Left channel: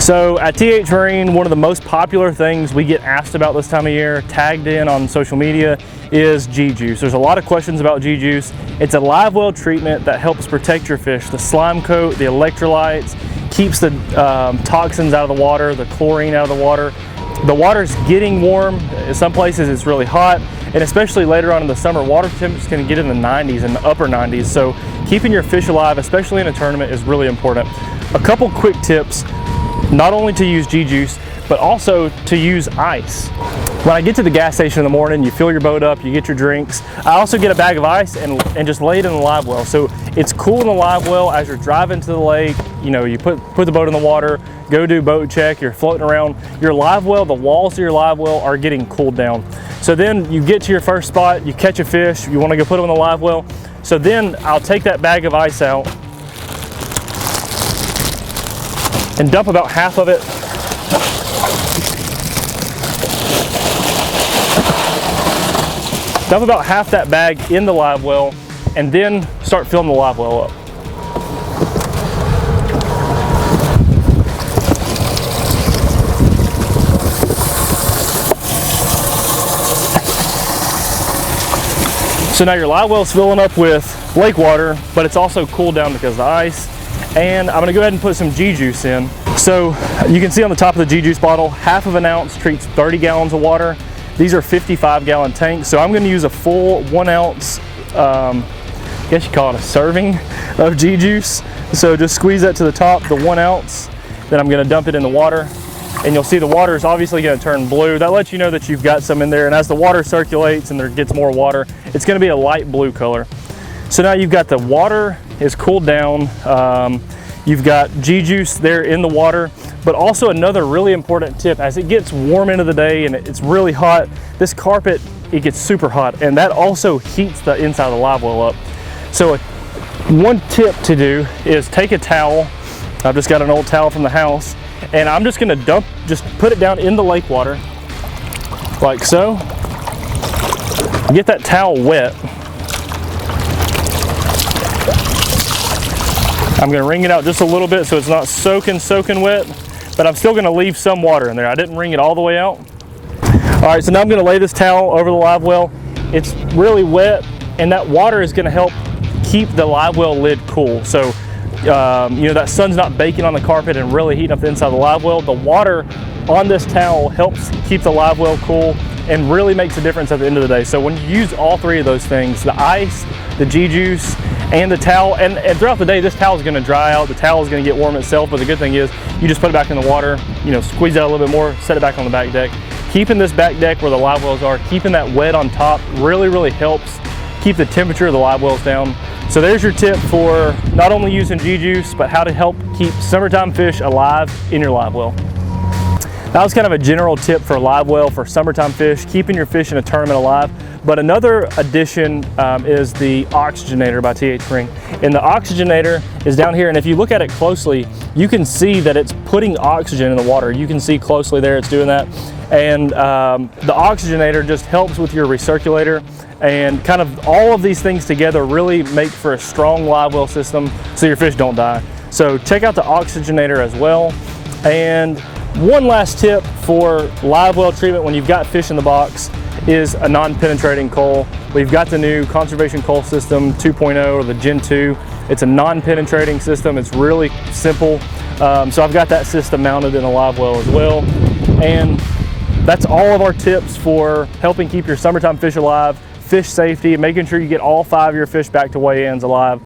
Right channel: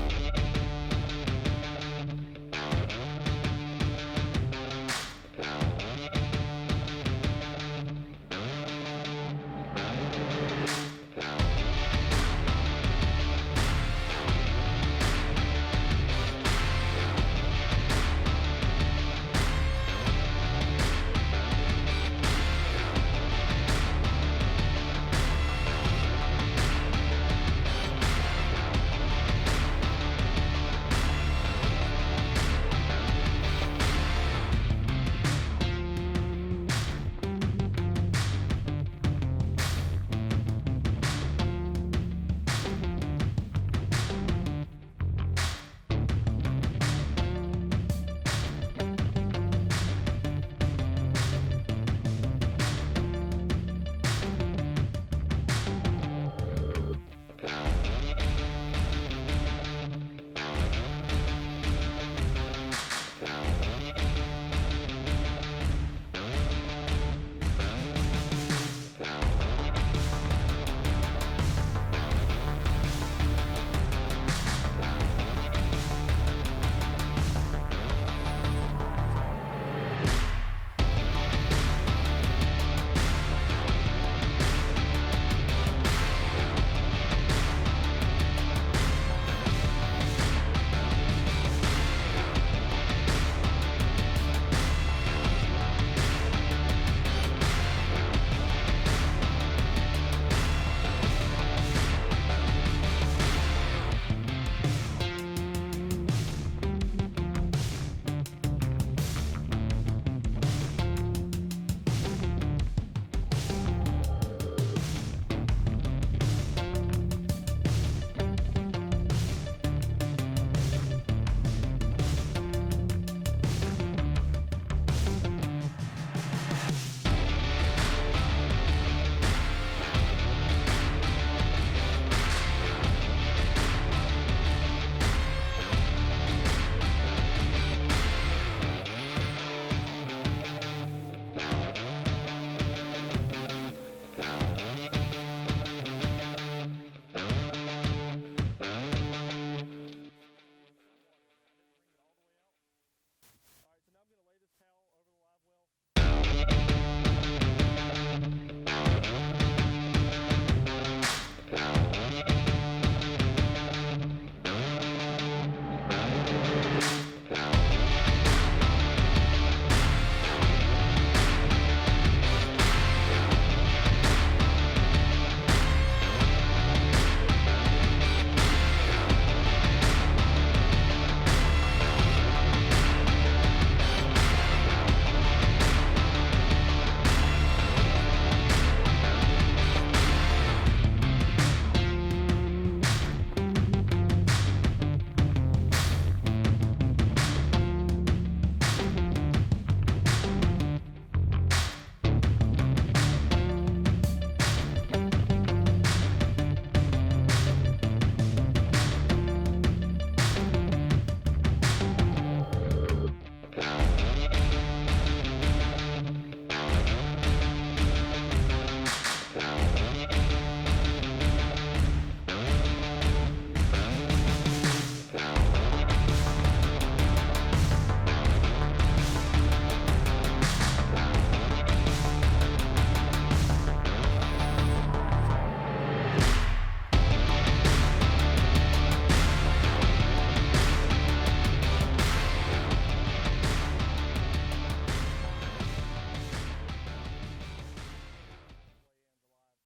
So at TH Marine, one of the most popular things we get asked about this time of year, tagged in on social media, is G-Juice. There's a lot of questions about G-Juice. It's a Livewell treatment that helps protect your fish. The slime coat, the electrolytes, keeps the toxins out of the water, the chlorine out of the water. The water's getting warm. In some places it's really hot, and especially later on in the summer, water temps can get in the 90s and the upper 90s. So keeping your fish alive, especially in a tournament, is really important. A couple quick tips. Not only to use G-Juice, but also to use ice. When I get to the gas station in the morning, you fill your boat up, you get your drinks. I also get a bag of ice and just lay it in the live well. So it's cool in the live well as you're driving to the lake. You know, you put the boat in the water, go do boat check, you're floating around. Your live well, the walls of your live well are getting cooled down. So then you get to your first spot, you catch a fish, you want to go put them in the live well. So then I'll take that bag of ice out and dump about half of it dump about half that bag in the live well, and then start filling the live well up. So now your live well's filling up with lake water, but it's also cooled down because of the ice. And I'm gonna go ahead and put some G-Juice in. So you can see on the top of the G-Juice bottle, half of an ounce treats 30 gallons of water. These are 55-gallon tanks. So I'm gonna use a full 1 ounce, I guess you call it a serving of G-Juice. So just squeeze that to the top, the 1 ounce. Then I'm gonna dump it in the water. And you'll see the water is obviously gonna turn blue. That lets you know that you've got some in there. And as the water circulates and there gets more water, it's gonna be a light blue color. So now you've got the water is cooled down. You've got G-Juice there in the water, but also another really important tip, as it gets warm into the day and it's really hot, this carpet, it gets super hot, and that also heats the inside of the live well up. So one tip to do is take a towel. I've just got an old towel from the house, and I'm just gonna just put it down in the lake water, like so. Get that towel wet. I'm gonna wring it out just a little bit so it's not soaking wet, but I'm still gonna leave some water in there. I didn't wring it all the way out. All right, so now I'm gonna lay this towel over the live well. It's really wet, and that water is gonna help keep the live well lid cool. So, you know, that sun's not baking on the carpet and really heating up the inside of the live well. The water on this towel helps keep the live well cool and really makes a difference at the end of the day. So when you use all three of those things, the ice, the G-Juice, and the towel, and throughout the day, this towel is gonna dry out, the towel is gonna get warm itself, but the good thing is, you just put it back in the water, you know, squeeze out a little bit more, set it back on the back deck. Keeping this back deck where the live wells are, keeping that wet on top really helps keep the temperature of the live wells down. So there's your tip for not only using G-Juice, but how to help keep summertime fish alive in your live well. That was kind of a general tip for live well for summertime fish, keeping your fish in a tournament alive. But another addition is the Oxygenator by TH Marine. And the Oxygenator is down here, and if you look at it closely, you can see that it's putting oxygen in the water. You can see closely there it's doing that. And the Oxygenator just helps with your recirculator, and kind of all of these things together really make for a strong live well system so your fish don't die. So check out the Oxygenator as well. And one last tip for live well treatment when you've got fish in the box is a non-penetrating coal. We've got the new Conservation Coal System 2.0, or the Gen 2. It's a non-penetrating system. It's really simple. So I've got that system mounted in a live well as well. And that's all of our tips for helping keep your summertime fish alive, fish safety, making sure you get all 5 of your fish back to weigh-ins alive.